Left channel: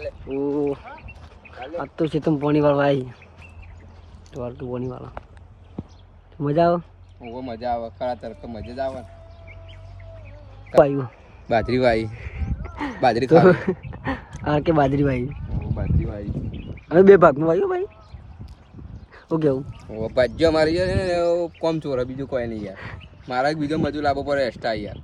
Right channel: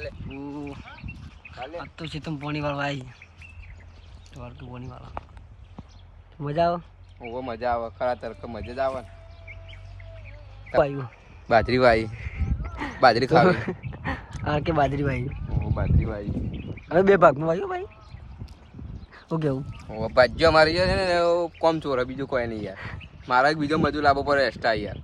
ओ अब तो से तुम पानी वाला भाई तो और तू पानी वाला मजा आओ वो मजा आवे खरा તરક મજા જ આવે भाई બાજરી ભાઈ બાજરી ખાવી आ के बाजरी भाई वो બાજરી ભાઈ अरे बे भाग में भाई भाई ओ क्या वो બાજ્યો મારી છે ને કોમ ચોર બીજું કોઈ નહીં યાર મારા બીજો મજૂર લાવવો પડે એક્સ્ટ્રા યાર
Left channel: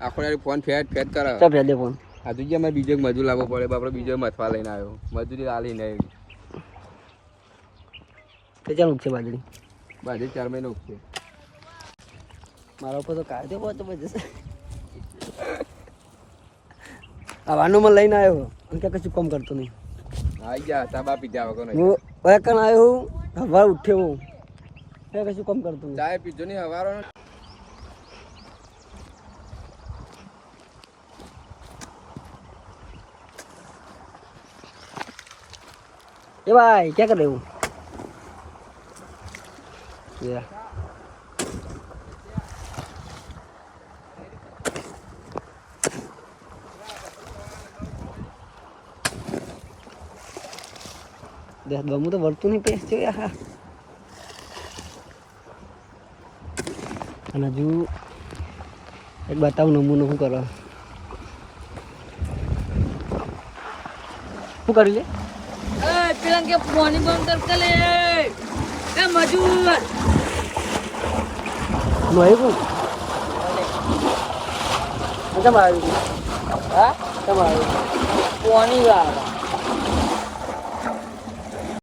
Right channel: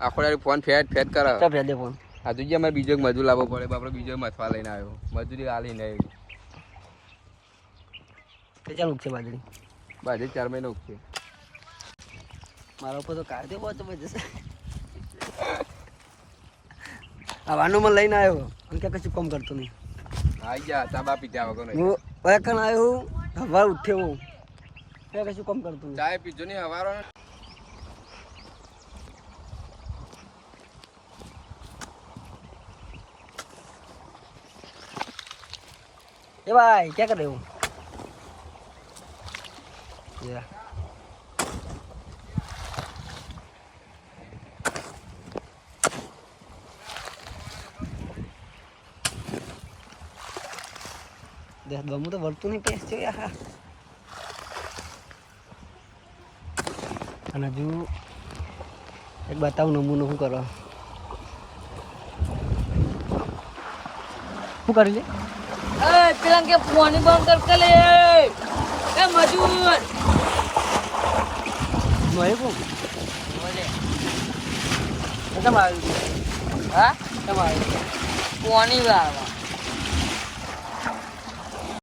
આખો યાર ફોન ફેટ ફેટ કરે सब दे फोन આજુ જે મેં બીજો મજૂર લાવવો પડે બાપડો બીજો મથવા લઈને આવ્યો મજૂરી આલી નહીં तो चल उठे बाजरी બાજરી 4 મહિને ઉગશે મારા ઉપર તો કાઢે બહુ જબરજસ્ત આ વાનું માં લઈને આવ્યો અને કે કશું કામ કરતો નહીં આઈ જા ચાબા પીધા વગર નહીં હું ઓય કણ આવ્યો હવા ઉઠ્યો કે કશું કામ કરતો નહીં ચાય પીજો નહીં હવારો ए भाई क्या कर रहे हो ये देख गमू तो वर्तु नहीं पेस जो यार અને હજુ એક બતાવું નમૂનો શું કરો શું કરી લે પેલા કે પાણી બંધ કર કે લે એ મજૂર નો આવ્યું કેમ આવ્યું હા કેમ આવ્યું પાણી વાળા